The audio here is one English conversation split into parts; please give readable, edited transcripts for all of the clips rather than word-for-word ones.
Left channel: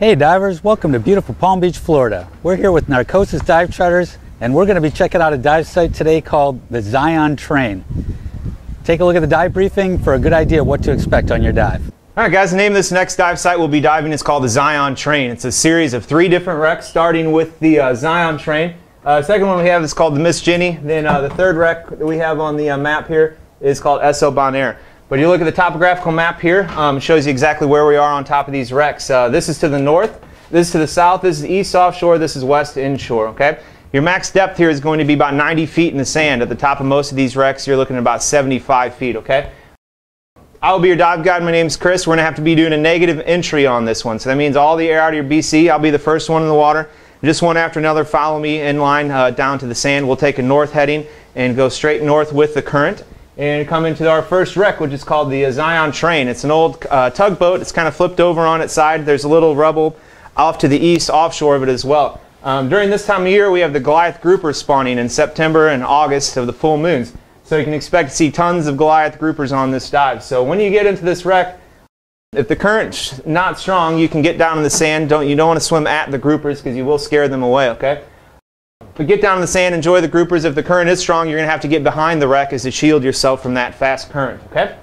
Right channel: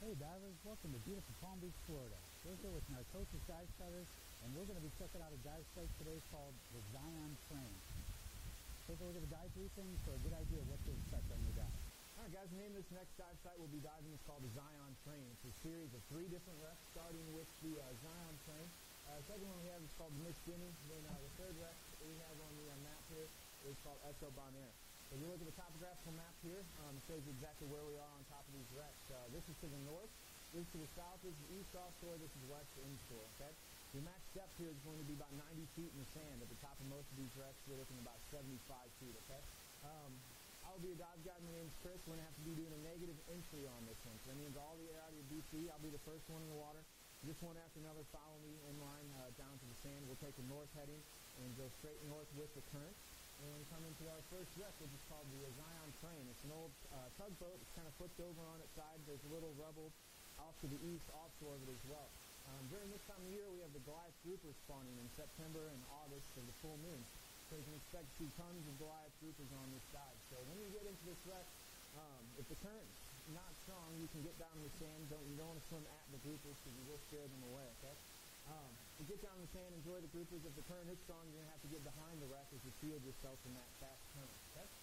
Hey divers, welcome to beautiful Palm Beach, Florida. We're here with Narcosis Dive Charters and we're going to be checking out a dive site today called the Zion Train. Take a look at the dive briefing for a good idea of what to expect on your dive. Alright guys, the name of this next dive site we'll be diving is called the Zion Train. It's a series of 3 different wrecks starting with the Zion Train. Second one we have is called the Miss Jenny. Then the third wreck that we have on the map here is called Esso Bonaire. But you look at the topographical map here, it shows you exactly where we are on top of these wrecks. This is to the north, this is to the south, this is east offshore, this is west inshore, okay? Your max depth here is going to be about 90 feet in the sand. At the top of most of these wrecks, you're looking at about 75 feet, okay? I will be your dive guide. My name is Chris. We're going to have to be doing a negative entry on this one. So that means all the air out of your BC. I'll be the first one in the water. Just one after another, follow me in line down to the sand. We'll take a north heading and go straight north with the current and come into our first wreck, which is called the Zion Train. It's an old tugboat. It's kind of flipped over on its side. There's a little rubble off to the east offshore of it as well. During this time of year, we have the Goliath Grouper spawning in September and August of the full moons. So you can expect to see tons of Goliath Groupers on this dive. So when you get into this wreck, if the current's not strong, you can get down in the sand. You don't want to swim at the groupers because you will scare them away, okay? But get down in the sand, enjoy the groupers. If the current is strong, you're going to have to get behind the wreck as to shield yourself from that fast current, okay?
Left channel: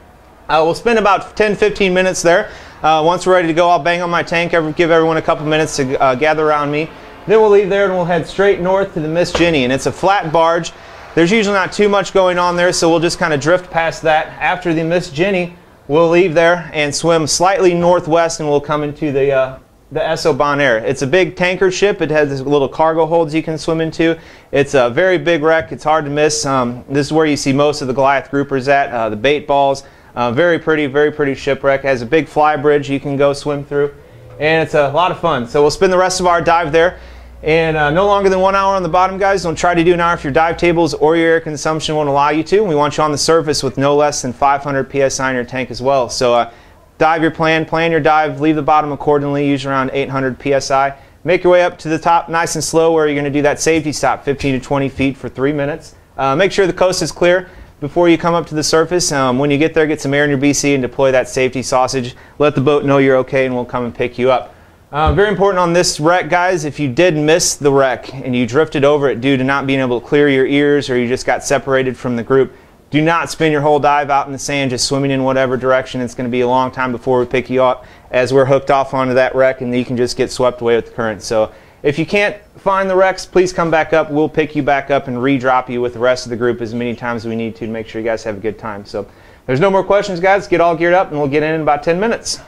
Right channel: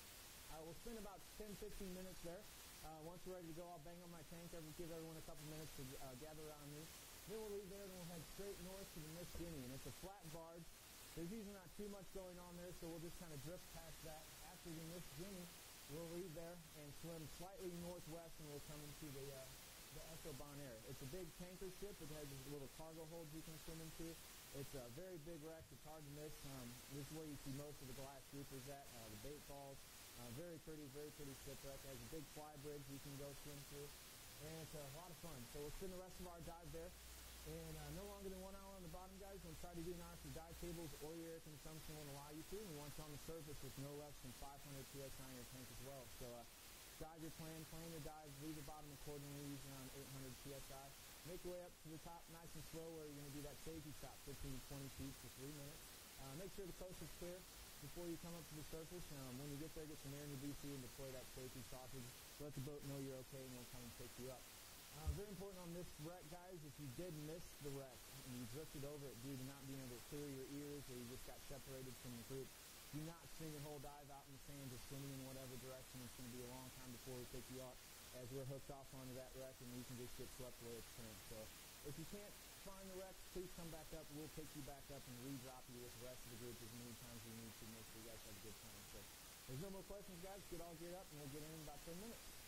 We'll spend about 10-15 minutes there. Once we're ready to go, I'll bang on my tank, give everyone a couple minutes to gather around me. Then we'll leave there and we'll head straight north to the Miss Jenny, and it's a flat barge. There's usually not too much going on there, so we'll just kind of drift past that. After the Miss Jenny, we'll leave there and swim slightly northwest, and we'll come into the Esso Bonaire. It's a big tanker ship. It has little cargo holds you can swim into. It's a very big wreck. It's hard to miss. This is where you see most of the Goliath Groupers at, the bait balls. Very pretty shipwreck. It has a big fly bridge you can go swim through, and it's a lot of fun. So we'll spend the rest of our dive there. And no longer than 1 hour on the bottom, guys. Don't try to do an hour if your dive tables or your air consumption won't allow you to. We want you on the surface with no less than 500 psi in your tank as well. So dive your plan your dive, leave the bottom accordingly, use around 800 psi. Make your way up to the top nice and slow where you're going to do that safety stop, 15 to 20 feet for 3 minutes. Make sure the coast is clear before you come up to the surface. When you get there, get some air in your BC and deploy that safety sausage. Let the boat know you're okay and we'll come and pick you up. Very important on this wreck, guys, if you did miss the wreck and you drifted over it due to not being able to clear your ears or you just got separated from the group, do not spend your whole dive out in the sand just swimming in whatever direction. It's going to be a long time before we pick you up as we're hooked off onto that wreck and you can just get swept away with the current. So if you can't find the wrecks, please come back up. We'll pick you back up and re-drop you with the rest of the group as many times as we need to make sure you guys have a good time. So there's no more questions, guys. Get all geared up and we'll get in about 10 minutes.